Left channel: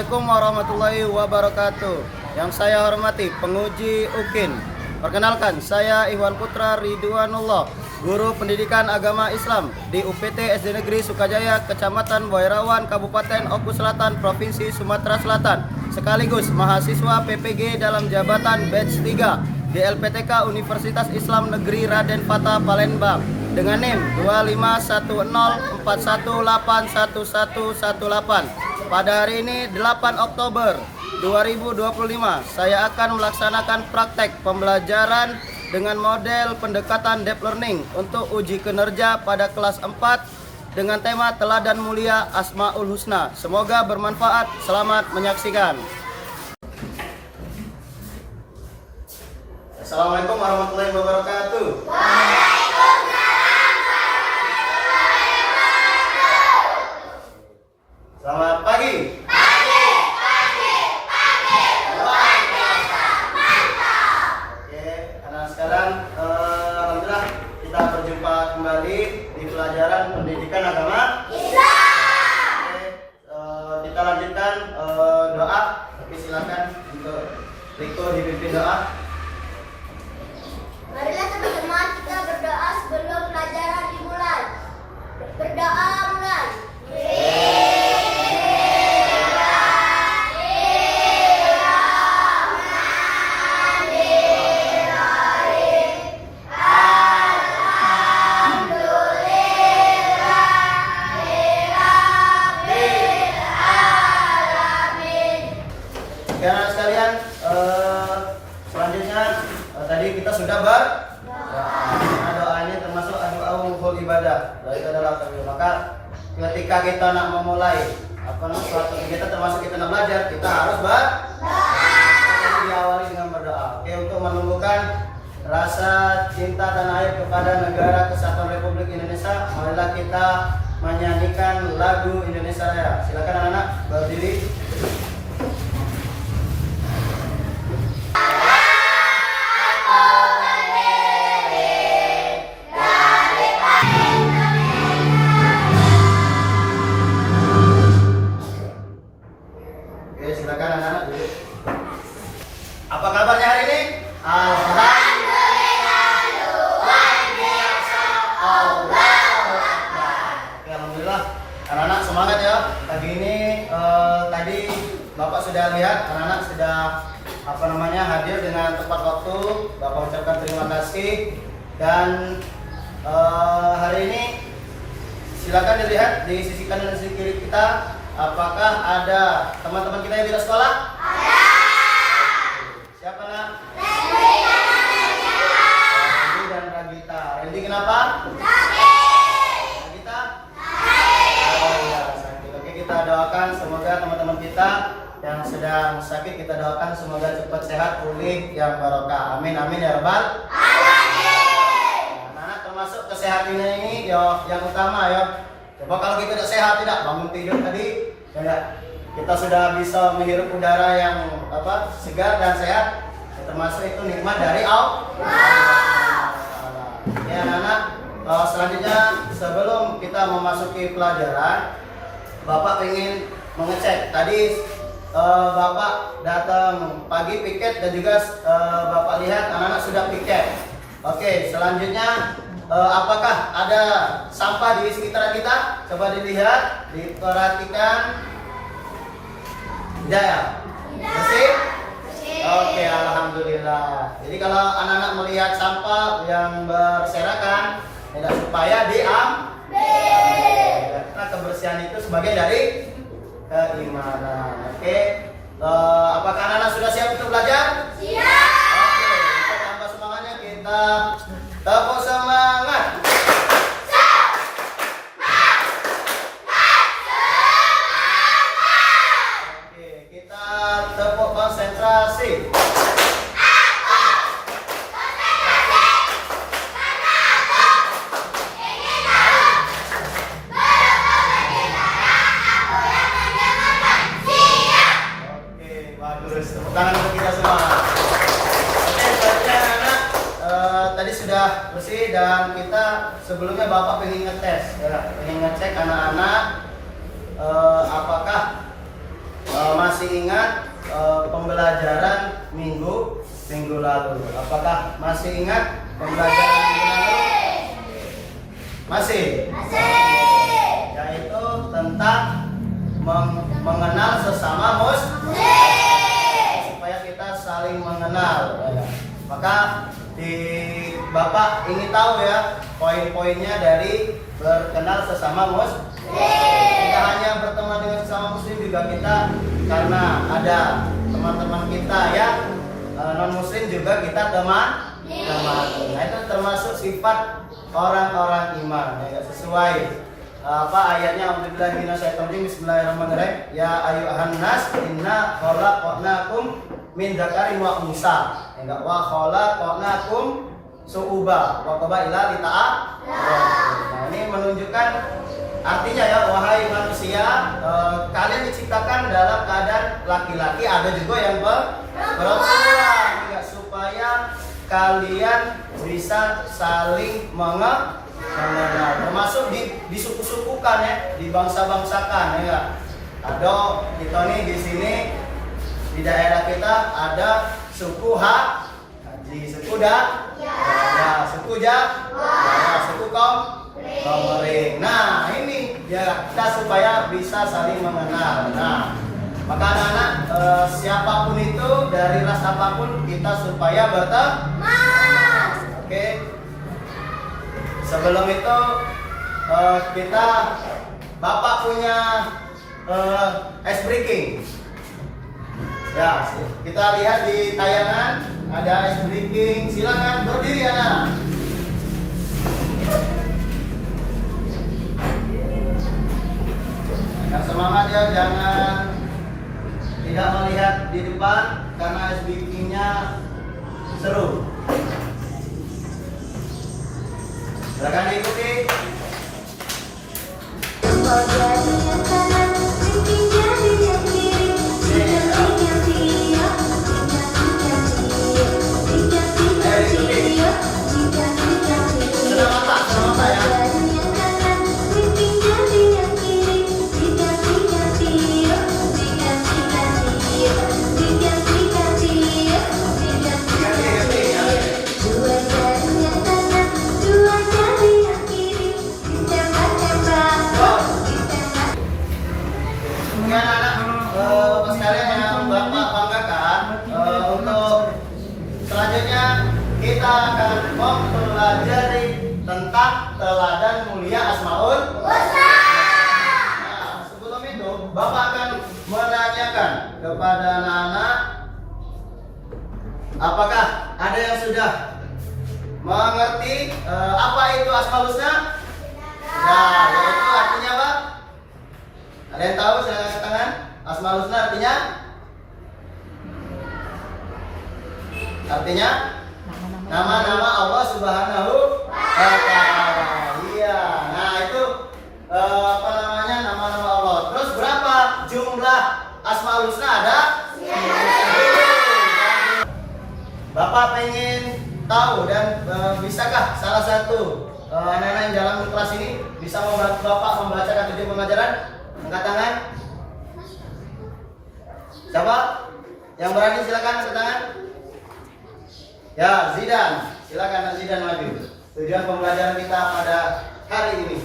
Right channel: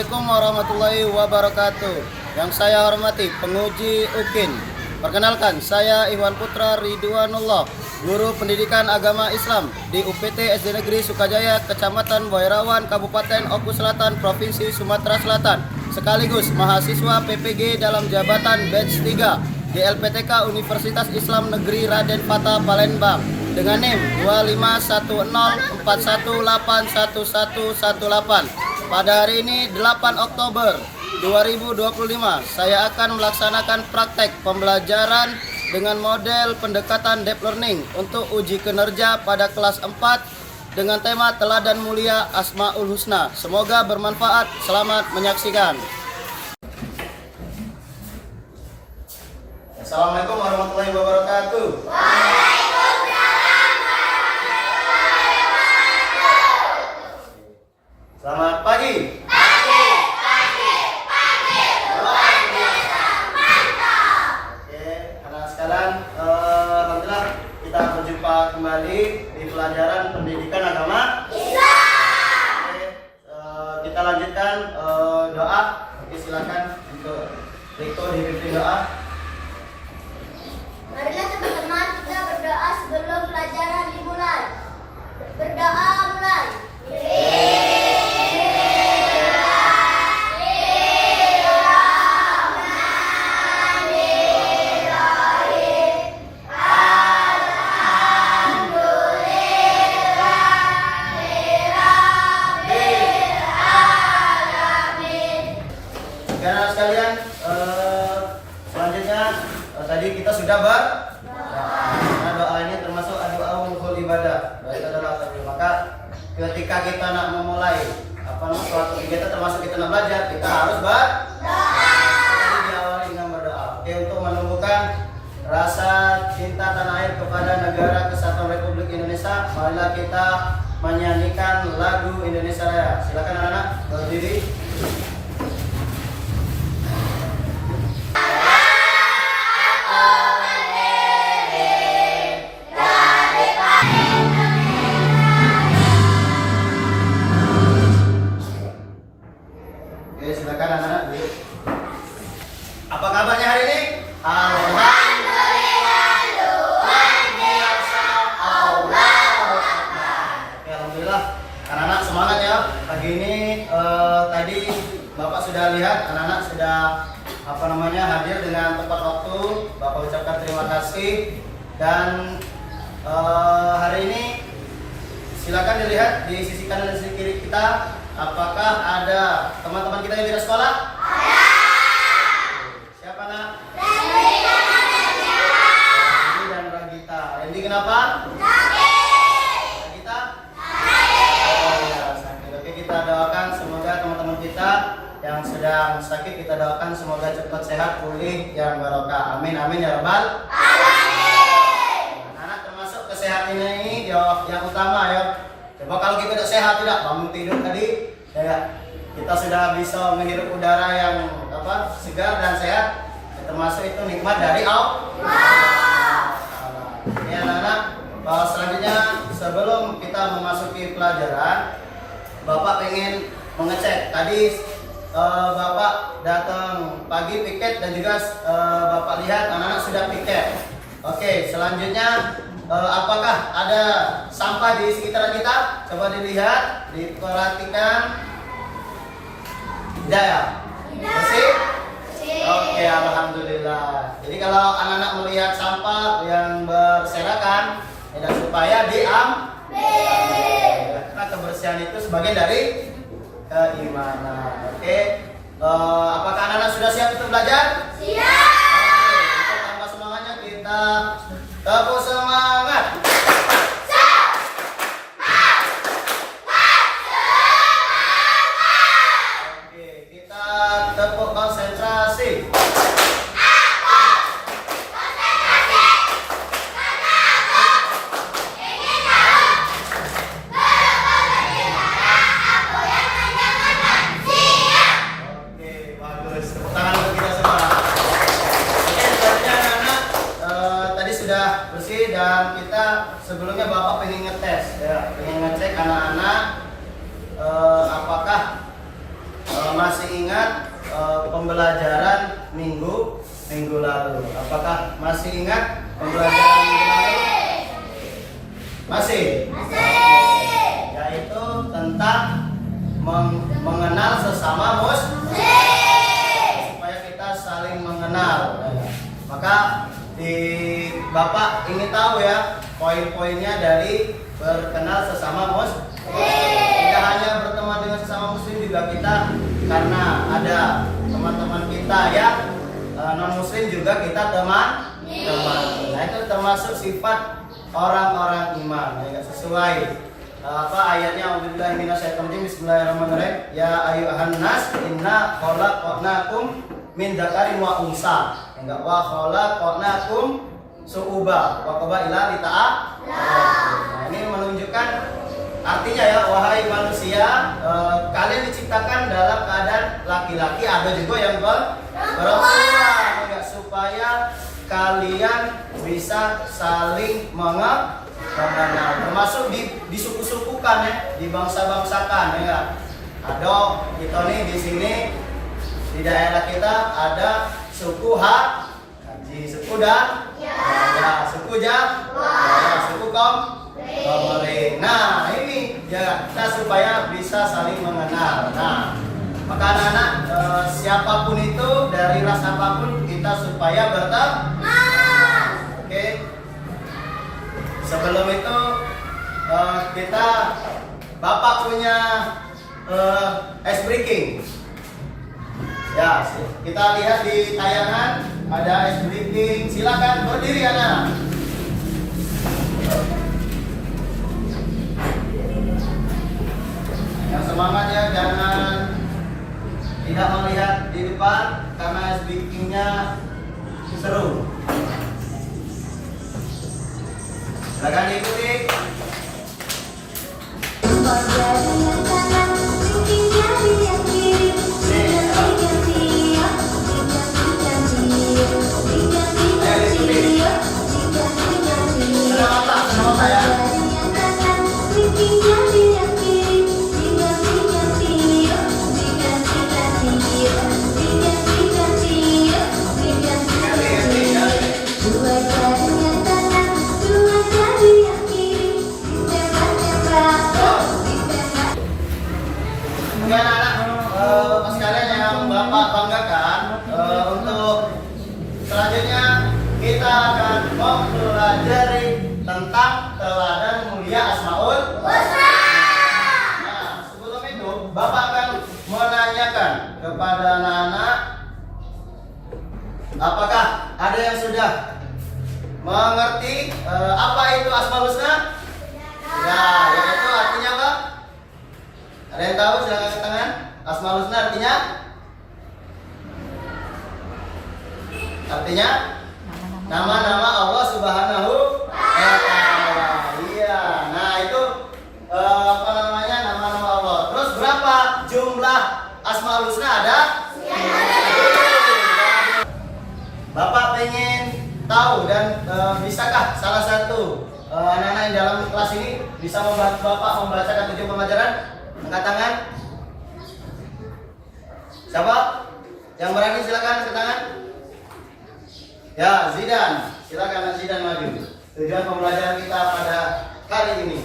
Assalamualaikum warahmatullahi wabarakatuh. Yang saya hormati penguji UKIN. Perkenalkan, saya Iwan Putra Ridwanullah, Guru Pendidikan Agama Islam di UPT SD Negeri Sukajaya, Kecamatan Boirawan, Kabupaten Oku Selatan, Provinsi Sumatera Selatan, sekaligus mahasiswa PPG dalam jabatan batch 3 di LPTK Universitas Islam Negeri Raden Fatah Palembang dengan NIM 251041811118. Pada hari ini 8 Oktober 2025 saya akan melaksanakan praktek pembelajaran dengan model pendekatan deep learning untuk uji kinerja pada kelas 4 dengan tema Teladan Mulia Asmaul Husna. Semoga bermanfaat. Selamat menyaksikan. Assalamualaikum warahmatullahi wabarakatuh. Selamat pagi. Luar biasa. Mantap. Oke, anak sekalian, alhamdulillah kita berjumpa kembali di pelajaran pendidikan agama Islam. Oke, kita lanjutkan doa. Oke, silakan untuk Riko dipimpin doa. Marilah teman-teman kita berdoa sebelum pelajaran dimulai. Berdoa mulai. Anak sekalian, selanjutnya tadi kita sudah karena doa ini termasuk doa umul ibadah. Doa itu adalah takbir. Maka ketika kita nak memulai suatu kegiatan termasuk kita nak belajar, kita harus berdoa. Jadi diawali dengan berdoa. Oke, untuk menumbuhkan rasa cinta tanah air kepada negara Kesatuan Republik Indonesia, marilah kita menyanyikan lagu Indonesia Raya. Silakan anak-anak berdiri. Silakan anak-anak. Apa kabarnya hari ini? Alhamdulillah, luar biasa. Allahu Akbar. Alhamdulillah, anak-anak semangat ya. Pagi ini tadi Bapak sudah lihat anak-anak sudah hadir dengan tepat waktu. Bapak ucapkan terima kasih dan hari ini silakan dilihat di sisi kanan dan sisi kiri kita. Apakah ada teman-teman kita yang tidak sekolah? Ada. Siapa nak? Randy dan Ragita. Randy kenapa? Sakit. Ragita? Sakit. Oh ya, sakit. Oke, kita doakan semoga teman-teman kita yang sedang sakit, kita doakan semoga cepat sehat, pulih, yang barokah. Amin amin ya rabbal alamin. Anak-anak termasuk kesehatan ini yang utama ya. Coba kalau kita tidak sehat, tidak bangun tidur tadi, ya kita sudah bisa menghirup udara yang segar dan sehat, termasuk itu nikmat dari Allah. Ini anak-anak, selanjutnya sebelum kita memasuki pelajaran, Bapak ingin mengecek. Tadi Bapak datang pagi piket dan juga Bapak lihat anak-anak sudah piket. Oke, selanjutnya apakah ada sampah di sekitaran kita? Coba dilihat, diperhatikan. Tidak ya? Bersih? Oke, alhamdulillah. Jadi kalau anak-anak melihat sampah yang berserakan, tidak supaya diambil. Karena kebersihan itu sebagian dari keimanan. Oke, apakah anak-anak sudah siap untuk belajar? Siap. Oke, untuk tambah semangatnya kita tepuk semangat. Oke, kita tepuk konsentrasi. Oke, bagus. Tepuk tangan untuk kita semua. Oke, selanjutnya anak-anak tadi sudah bersih dan kita sebelumnya Bapak pengen ngetes ya, pengen ngecek anak-anak apakah masih ingat pembelajaran minggu lalu? Apakah masih ingat pembelajaran minggu lalu? Masih? Yaitu tentang mengenal sesama muslim, supaya kita saling mengenal. Maka Bapak ingin tahu ya poin-poinnya dari berkenal sesama muslim. Tidak hanya berteman dengan sesama muslim, juga kita karena ada teman-teman kita yang non muslim juga kita teman. Nah, itu termasuk sifat orang-orang iman, ya, sesuai ayatnya. Alhamdulillah minasyaitonir bismillahirrahmanirrahim. Ya ayyuhan nas inna khalaqnakum min dzakarin wa unsa. Enggak wa khalaqnakum su'uba wa qabaila lita'a. Nah, ini menunjukkan artinya ya, wahai manusia, kalian diciptakan dalam keadaan laki-laki, ada juga yang perempuan, enggak, supaya kalian bisa saling mengenal, termasuk di suku-sukukan ya, di bangsa-bangsakan ya. Ada kita nih di sini di daerah kita ada suku Haji, suku ya, suku suku Komering. Nah, ini ya kita supaya bisa saling mengenal. Nah, maka anak-anak siapapun itu dari ras apapun kita supaya berteman. Oke. Sebelum itu Bapak punya ice breaking. Ya, kita lihat di tayangan ada ice breaking. Silakan berdiri anak. Yang semangat ya, jangan tidak melihat di depan karena ice breakingnya seru. Silakan diikuti. Bapak sekalian yang Bapak banggakan, untuk selanjutnya kita akan mempelajari tentang teladan mulia Asmaul Husna. Nah, sebelum itu Bapak akan menanyakan kepada anak-anak, apakah ada yang sudah mengerti apa itu Asmaul Husna? Nah, yaitu artinya apa? Ada yang tahu? Silakan angkat tangan. Asmaul Husna artinya nama-nama Allah Subhanahu wa Ta'ala. Iya. Nah, itu nama-nama Allah. Terus berapa jumlah Asmaul Husna ada? Bapak pengen tahu dan bisakah salah satu anak-anak yang dalam kelas ini bisa membantu Bapak membacakan 7 pelajaran? Angkat tangan. Siapa? Yang berani silakan angkat tangan. Ya, Zidan. Silakan Zidan maju. Tujuan pembelajaran kita pada hari ini.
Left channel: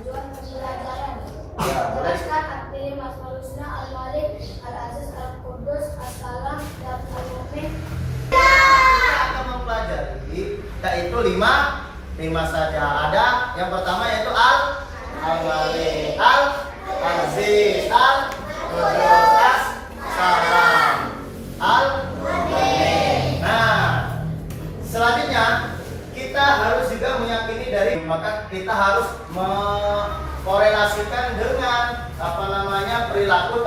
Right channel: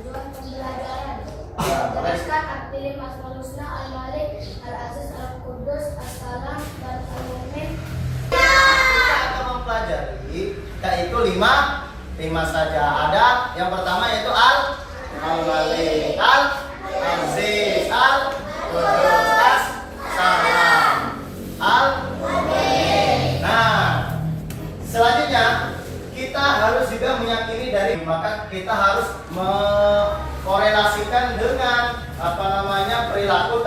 Tujuan pembelajaran. Ya, Jelaskan arti Asmaul Husna Al-Malik, Al-Aziz, Al-Qudus, As-Salam, dan Al-Mu'min. Kita akan mempelajari yaitu 5 saja. Ada yang pertama yaitu Al-Malik, Al-Aziz, Al-Qudus, As-Salam, Al-Mu'min. Nah, selanjutnya kita harus juga meyakini dari, maka kita harus mengkorelasikan dengan perilaku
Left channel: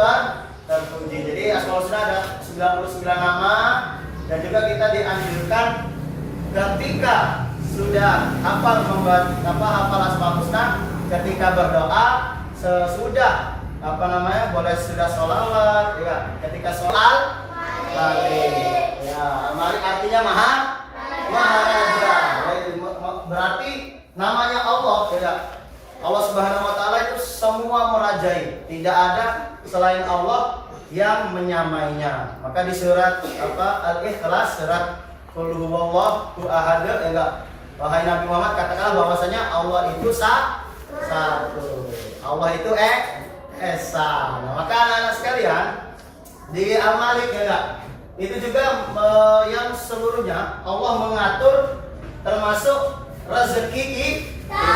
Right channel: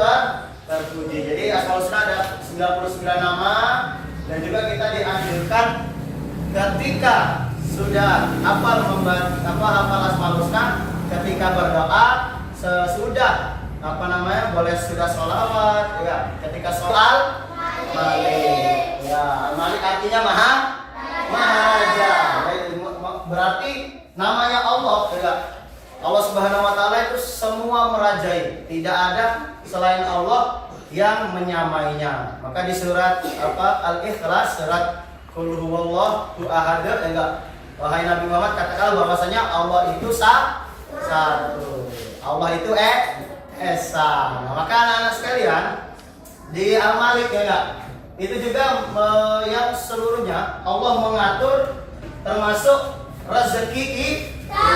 terpuji. Jadi Asmaul Husna ada 99 nama, dan juga kita dianjurkan ketika sudah hafal Asmaul Husna, ketika berdoa sesudah boleh sudah sholawat ya, ketika sholat Malik ya, Malik artinya Maharaja ya, berarti namanya Allah ya. Allah Subhanahu wa Ta'ala itu semua merajai, tidak ada selain Allah yang menyamainya. Maka di surat Al-Ikhlas, surat Qul huwallahu ahad, enggak, wahai Nabi Muhammad, katakanlah bahwasanya Allah itu satu. Allah itu esa. Nah, maka anak-anak sekalian di Al-Malik ya enggak, itu juga yang seluruhnya Allah mengatur, termasuk rezeki kita,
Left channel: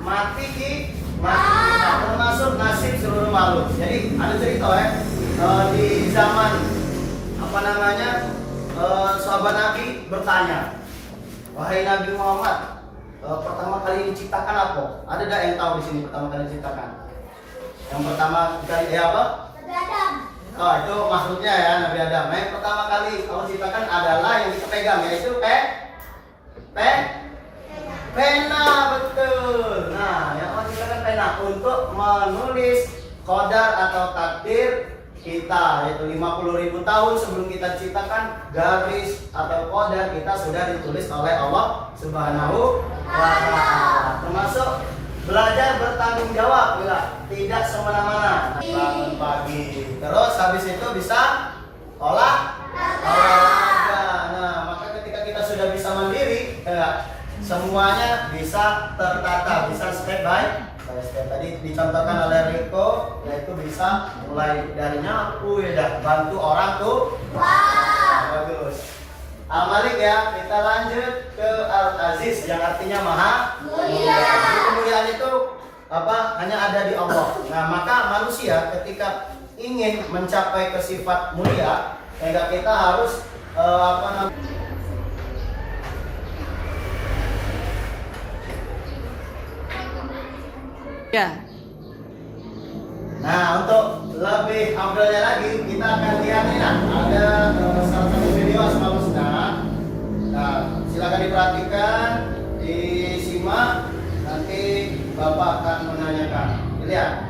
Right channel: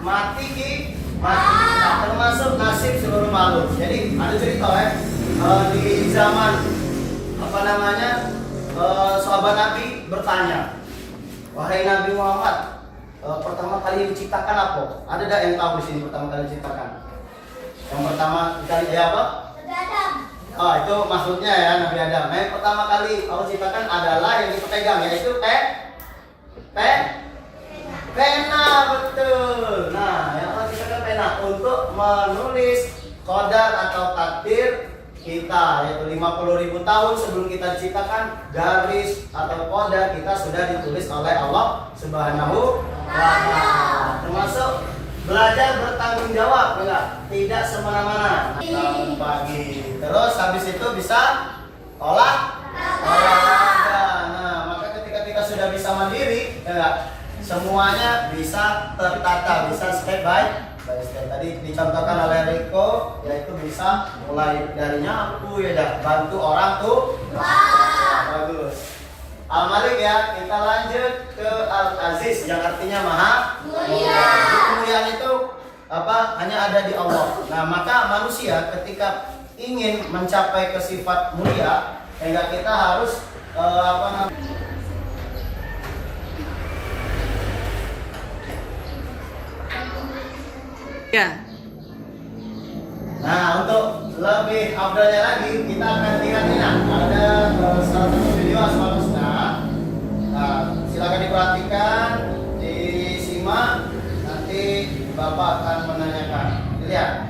mati kita, termasuk nasib seluruh makhluk. Jadi ada cerita di zaman sahabat Nabi bertanya, wahai Nabi Muhammad, pertama kali diciptakan apa? Ada tidak yang tahu di sini pertama kali diciptakan? Yang pertama kali dia apa? Nabi Adam. Oh, itu maksudnya ya, Nabi Adam. Yang pertama kali Allah ciptakan adalah yang kita pegang, yaitu pena, betul. Nah, yang Allah ciptakan pena untuk menulis qadar atau takdir kita, yaitu 50.000 tahun sebelum kita diciptakan, garis atau qadar kita sudah ditulis oleh Allah Subhanahu wa Ta'ala. Termasuk belajar bertanggung jawab, tidak semena-mena. Pagi. Terus habis itu bisa olahraga. Nah, maka ketika kita sudah bisa mandiri, semuanya bisa tertata, bisa step by step. Tadi dicontohkan oleh Riko, yaitu bisa mulai dari nyapu, bantu orang tuh. Bagus. Al-Malik ya, kita lanjut ke Al-Aziz yang artinya maha mulia. Kemuliaan itu hanya ada di Allah. Nah, maka manusia ketika ingin mencapai ke sifat mulia, kita harus Ya. Nah, untuk lebih update lagi, kita akan lihat ini. Ada salah satu video Asmaul Husna. Nah, silakan diperhatikan, disimak, nanti Bapak akan menanyakan. Lihat.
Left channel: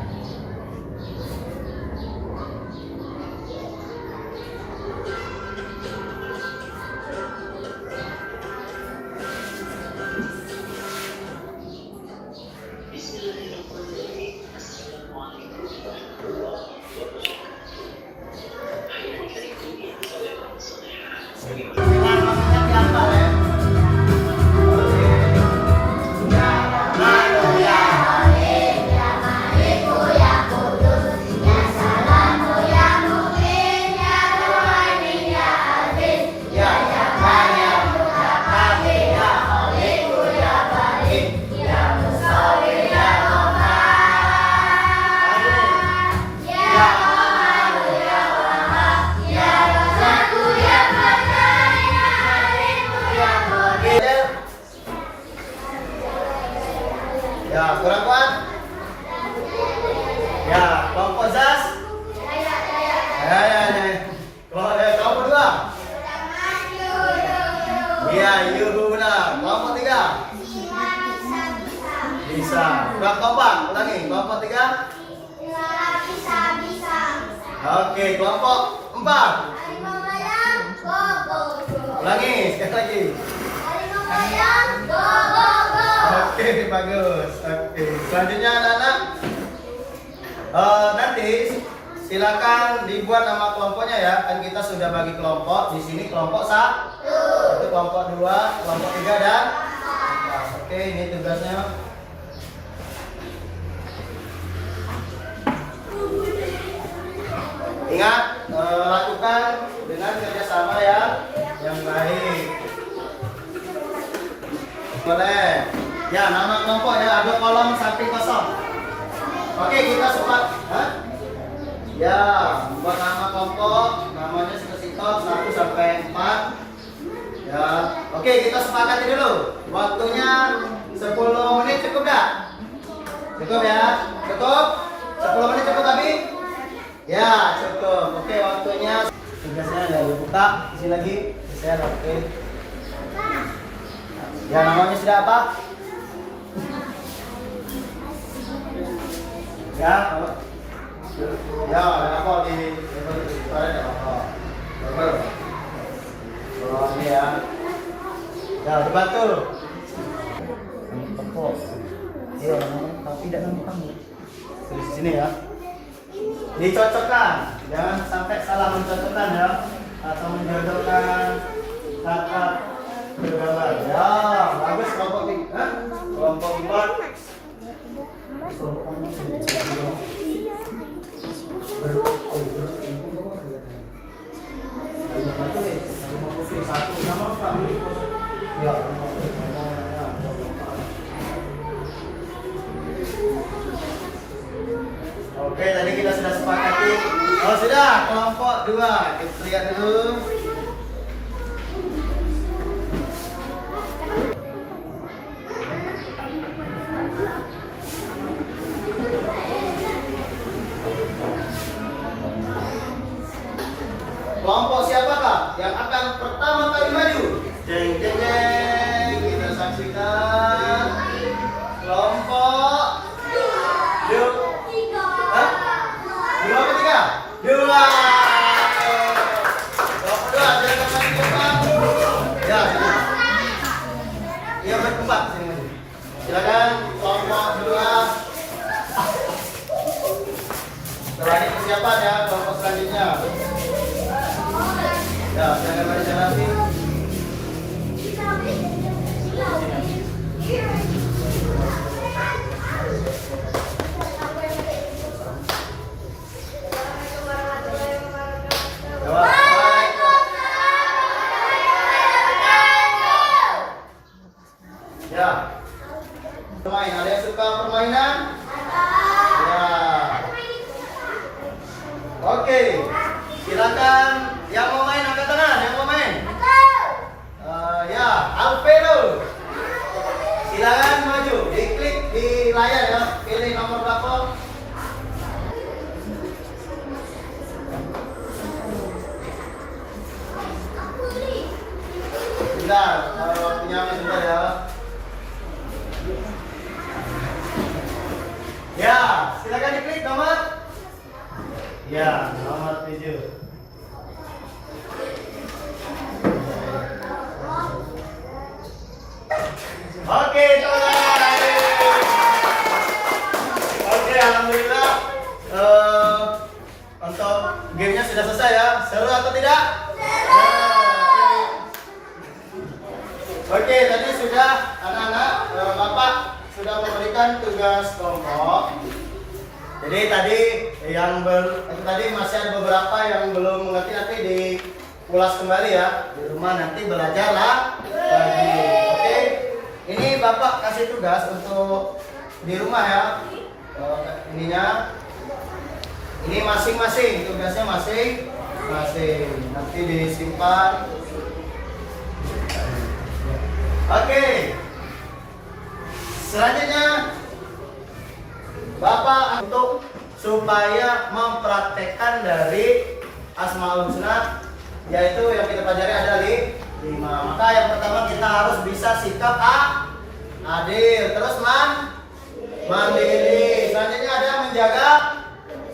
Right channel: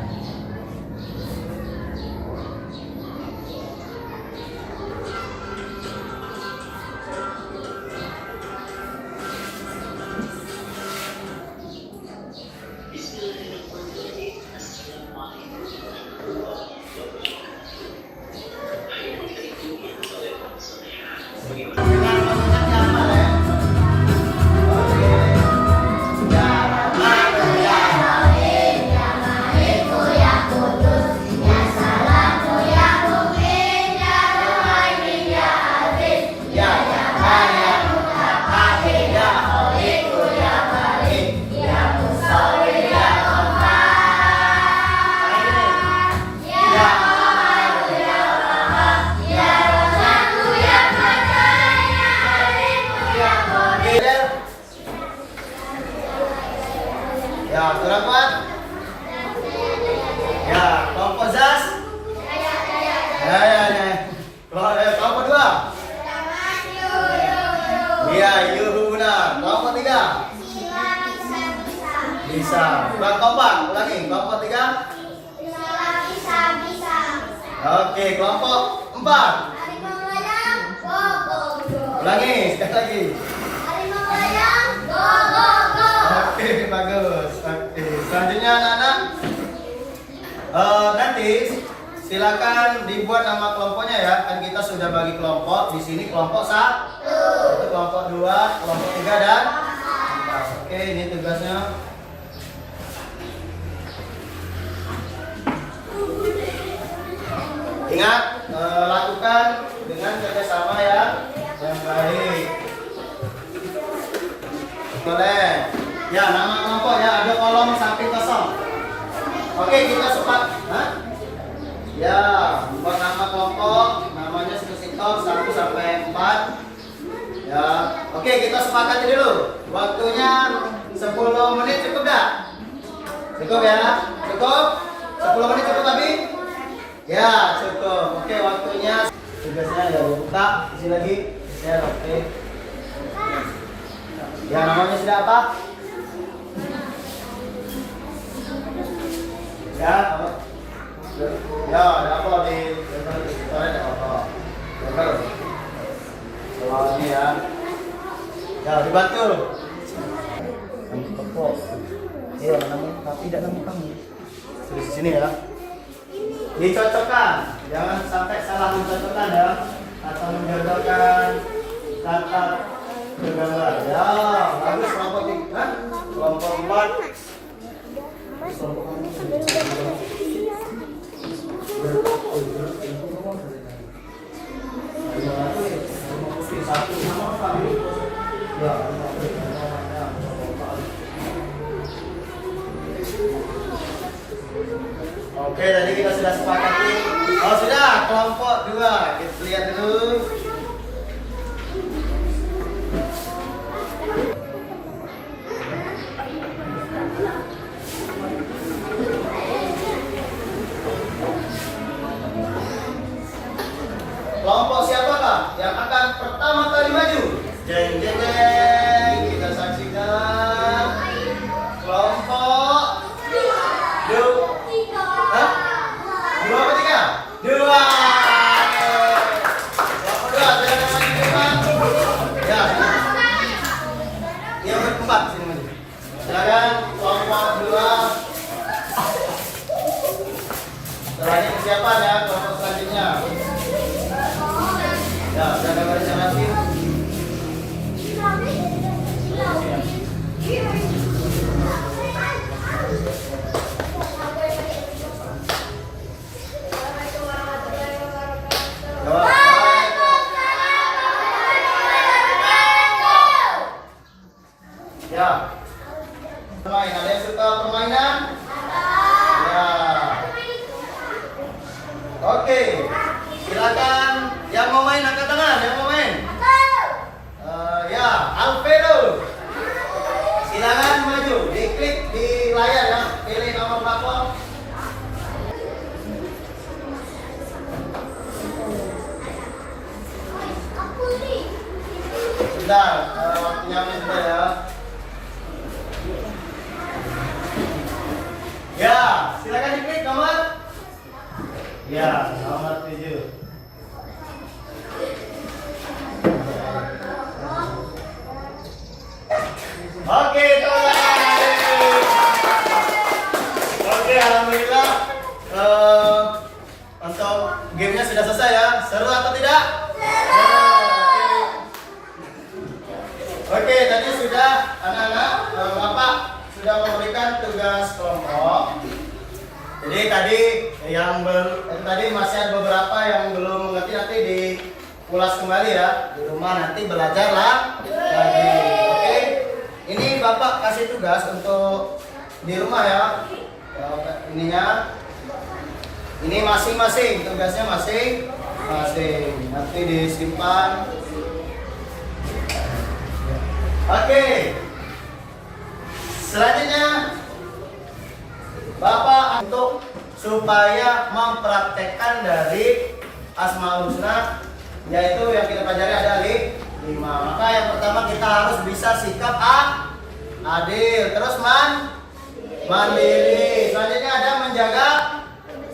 Dengan maksudnya apa ya? Oke. Ya Rahman, ya Rahim, ya Maliku, ya Qudus, ya Salamu, ya Mu'min, ya Muhaimin, ya Aziz, ya Jabbar, ya Mutakabbir, ya Khaliqu, ya Bari, ya Musawwir, ya Qahhar. Ya Qahhar, ya Wahhab, ya Razzaq, ya ya, kurang kuat. Ya, kelompok Zas. Kelompok dua. Ya, Yuhuna. Kelompok tiga. Bisa. Kurang kompak. Ulangi. Kelompok tiga. Oke, kelompok empat. Ulangi. Sekali lagi. Oke, bagus. Oke, selanjutnya anak-anak, nanti silakan dibuat nama kelompoknya ya. Kan kita sudah bagi kelompok. Di sini kelompok 1, itu kelompok 2, kelompok 3 dan 4. Oke, ini tugasnya. Ingat, lakukan dengan kerjasama yang baik. Boleh. Ya, nama kelompok ya, ada kolom samping kosong. Oke, kita ya, buat nama kelompok, namanya sitok 1 sampai 4. Ya, oke, kita sepakati dulu. Waktunya 10 menit cukup enggak? Cukup ya? Cukup? 10 menit cukup tapi? Ya, cukup. Oke, waktunya tugasnya ya dibuka, isi lagi. Saya oke. Ya, namanya sudah apa? Ya, ada apa di ada apa? Kalau ini ya, dibantu. Kelompok. Iya, nama tapi tidak nama kamu. Di sini ya. Dicocokkan. Jangan sampai salah mencontohkan ya, atau menjodohkan kata bergambar. Ya, bagus kelompok 3, kelompok 4. Oke, tadi kita sudah sepakati. Oh sudah, kelompok 2. Kita lihat dulu. Kelompok siapakah yang akan pertama kali maju? Jeng jeng jeng. Kita saksikan kelompok dua. Hah? 2 apa 3? 2. Kelompok 2 jangan berkembang. Ya, sini. Dia berkembang sini maju. Silakan kelompok 2. Setelah ini persiapan ya kelompok selanjutnya. Ya, saya baris yang rapi. Ya. Permain, ada yang suka permainan? Ya. Oke. Silakan yang mau main angkat tangan, yang mau main. Ya, Alfredo. Silakan maju, diklik di layar ya, pilih nomor berapa. Bentar, waktunya sebentar ya. Ya, silakan diklik nomor. Ya, nomor 7. Oke, oke, alhamdulillah. Untuk gamenya sudah selesai ya. Seru atau tidak? Seru. Oke, tadi sudah anak-anak, Bapak sudah memberikan tugas kelompok. Jadi tadi tadi masih ada beberapa yang belum mengerti, nanti diulas kembali ya di rumah, nanti belajarlah lagi. Oke, ini Bapak kasih tugas untuk di rumah ya. Ini masing-masing tugasnya masing-masing, nanti disimpan. Oke, selanjutnya Bapak untuk supaya mempraktekkan dari Asmaul Husna, yaitu yang kita pelajari ada 5. Maka yang pertama kita harus bisa sikap adil, terus mandiri. Selanjutnya ada menjaga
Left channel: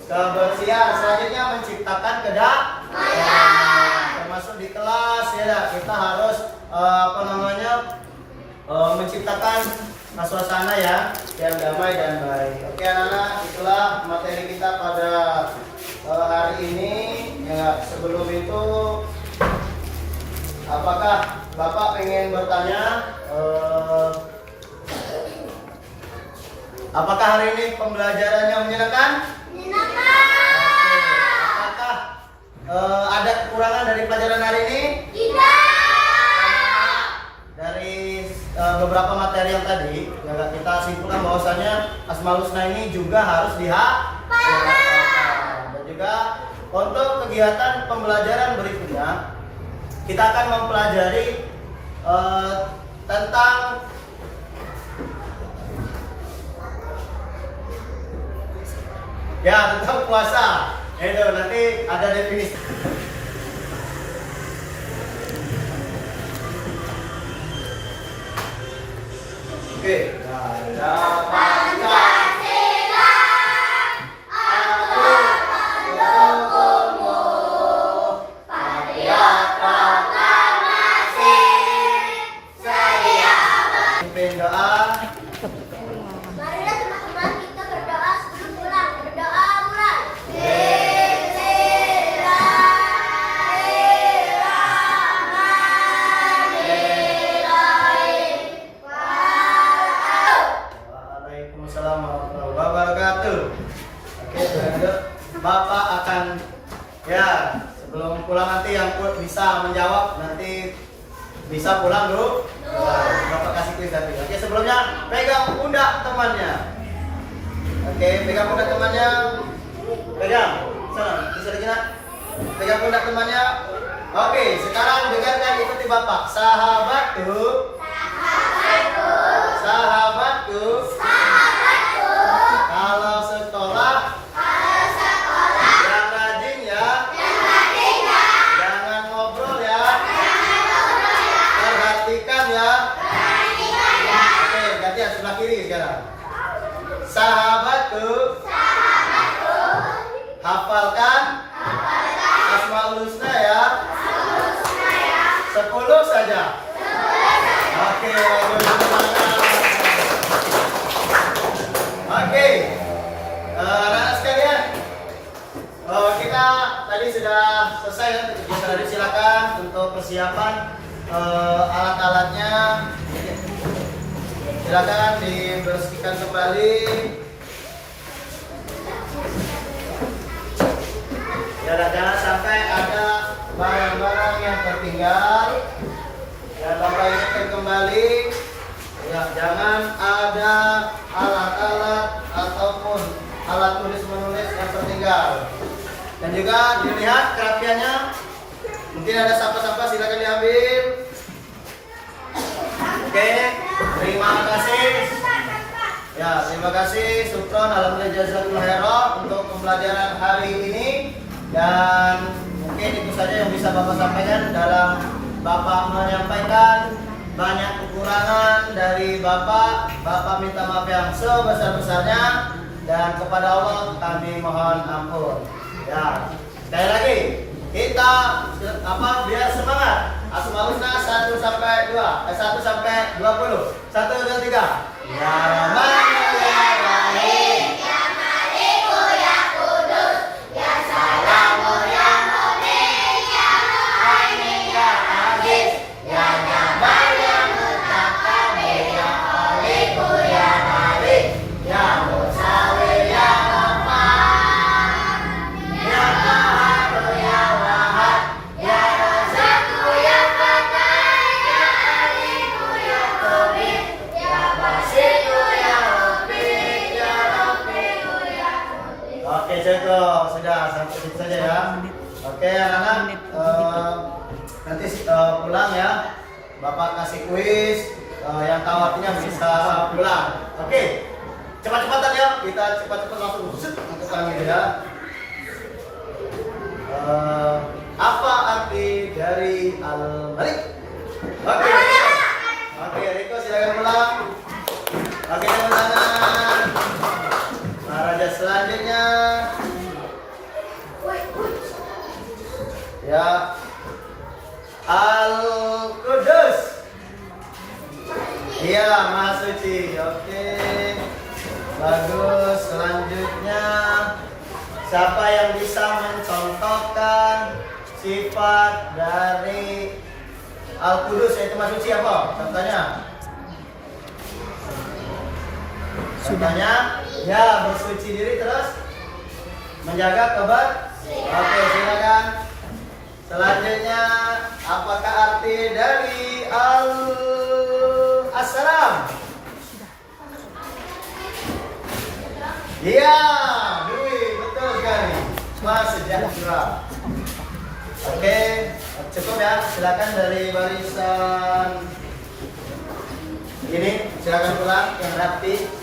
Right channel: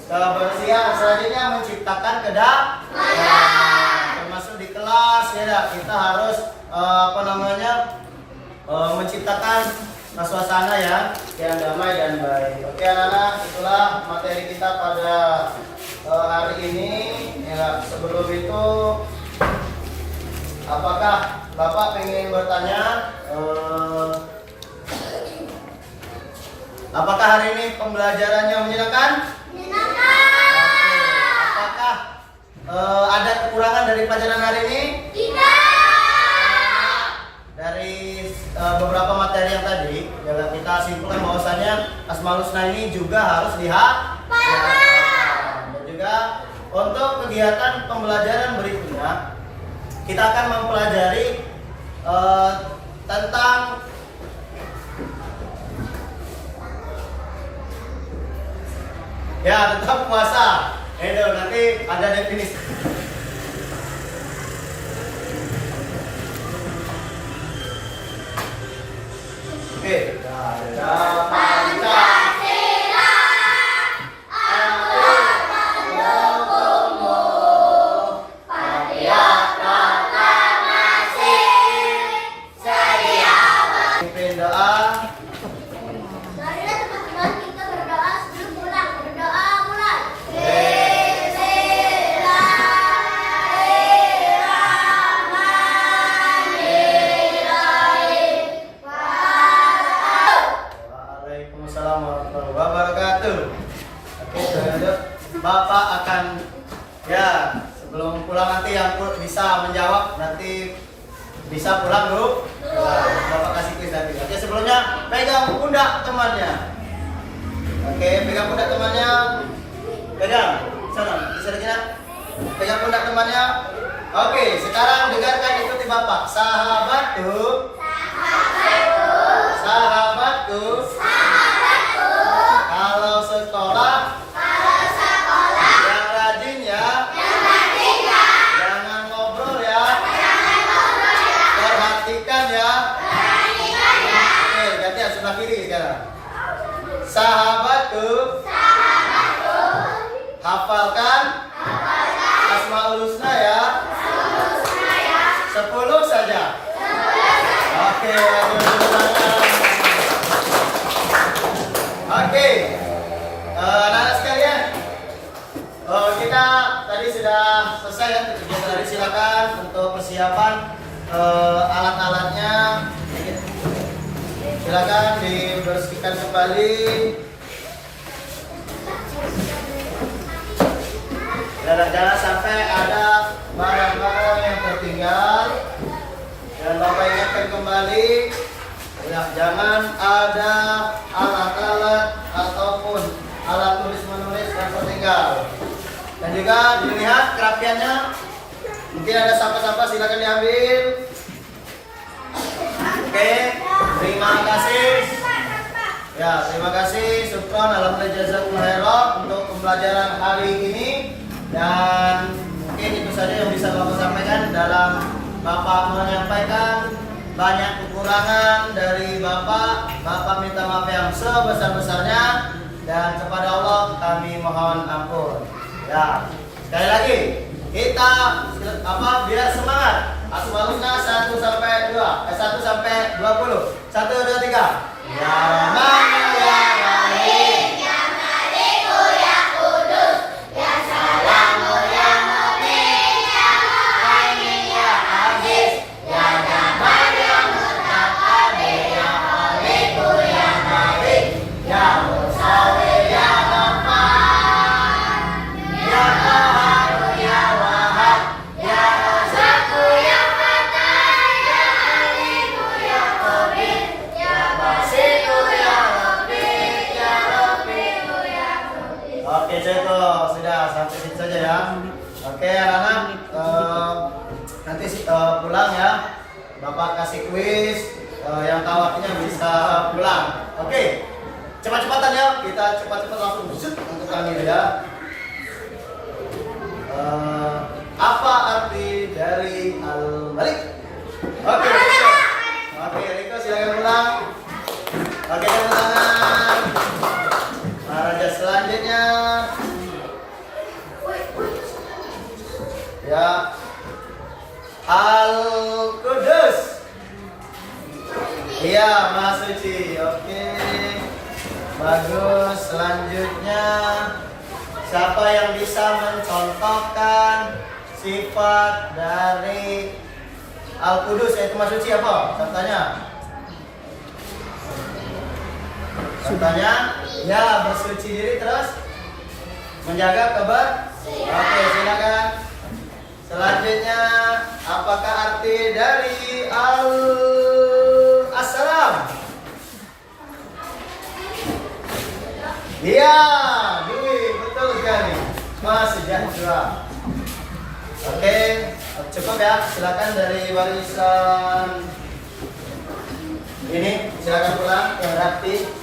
kebersihan. Selanjutnya menciptakan kedamaian. Termasuk di kelas ya, kita harus menciptakan suasana ya yang damai dan baik. Oke anak-anak, itulah materi kita pada hari ini. Ya, sebelum itu, apakah Bapak pengen bertanya? Apakah hari ini pembelajarannya menyenangkan? Menyenangkan. Oke. Apakah ada kekurangan dari pelajaran hari ini? Tidak. Dari beberapa materi yang tadi, ya kita simpulkan bahwasanya Asmaul Husna ini juga harus dihafalkan. Dan juga untuk kegiatan pembelajaran berikutnya, kita akan mempelajari tentang tentang puasa. Itu nanti ada definisi. Oke. Pancasila, aku mendukungmu. Patriot proklamasi, sedia Pimpin doa. Marilah teman-teman kita berdoa sebelum pulang. Berdoa mulai. yang bisa menjawab nanti bisa pulang dulu. Bapak kasih kuis nanti. Oke, sebelumnya pegang pundak temannya. Oke, pegang pundak temannya. Pegang. Sana, bisa lagi nak? Pegang pundak temannya. Oke, sekarang dengarkan ikuti Bapak. Sahabatku. Sahabatku. Kalau sekolah. Yang rajin ya. Jangan ngobrol ya. Perhatikan ya. Oke, gantian sebelah kiri sekarang. Sahabatku. Hafalkan Asmaul Husna ya. 10 saja. Oke, oke. Anak-anak sekalian, kita tadi sudah selesai ya kegiatan tadi. Silakan untuk persiapan alat-alatnya. Silakan dibersihkan kembali. Jangan sampai ada barang-barang yang tertinggal. Dan Bapak ingatkan kembali, ya, jangan ada alat-alat ataupun alat tulis menulis yang tertinggal. Dan juga dilihat kerapiannya. Mungkin ada sampah-sampah, silakan diambil. Oke, terima kasih. Ya, terima kasih. Syukron, alhamdulillah, jazakumullah khairan untuk pembelajaran hari ini. Dan mungkin itu saja yang bisa Bapak sampaikan dalam Bapak menyampaikan banyak kekurangan dari Bapak. Bapak minta maaf yang sebesar-besarnya dan kepada Allah kami mohon ampun. Ya, sekali lagi kita biar semangat. Asmaul Husna 1 sampai 2, 1 sampai 20. 1 2 3. Ya Rahman ya Rahim. Oke, contoh sudah sampai situ saja ya. Oke, anak-anak, nanti pulang ya. Bapak kasih kuis, yang tahu artinya bisa pulang. Oke, cepat-cepatan ya. Kita cepat-cepat langsung shoot untuk kami ya. Apa arti dari Al-Malik? Oke, Riko. Oke, Riko silakan pulang. Oke, tepuk tangan. Raja selanjutnya ya Al-Qudus. Iya, Maha Suci. Oke, bagus. Selanjutnya siapa yang bisa mencontohkan sifat dari Al-Qudus yaitu Maha Suci apa? Contohnya? Contohnya, ya bersuci diri terus menjaga kebersihan. Oke, silakan. Selanjutnya, apakah arti dari Al-Assalam? Iya, Dwi, betul sekali. Wah, sejahtera. Oke, cukup ya. Silakan dari barisan ini, silakan pulang yang rapi.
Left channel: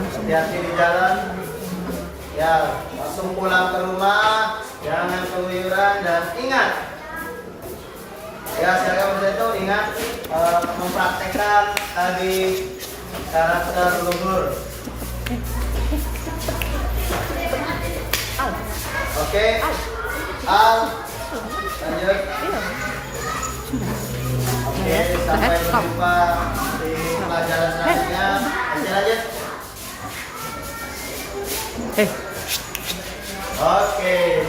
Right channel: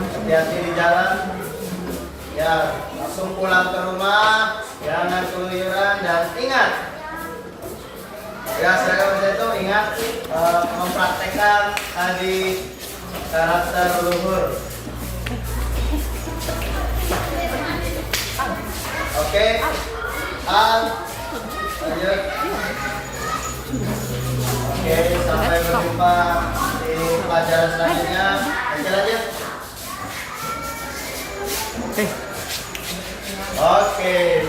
Hati-hati di jalan. Ya, langsung pulang ke rumah, jangan keluyuran dan ingat. Ya, silakan itu ingat mempraktekkan tadi karakter leluhur. Oke, lanjut. Oke, sampai berjumpa di pelajaran selanjutnya. Lanjut aja. Oke.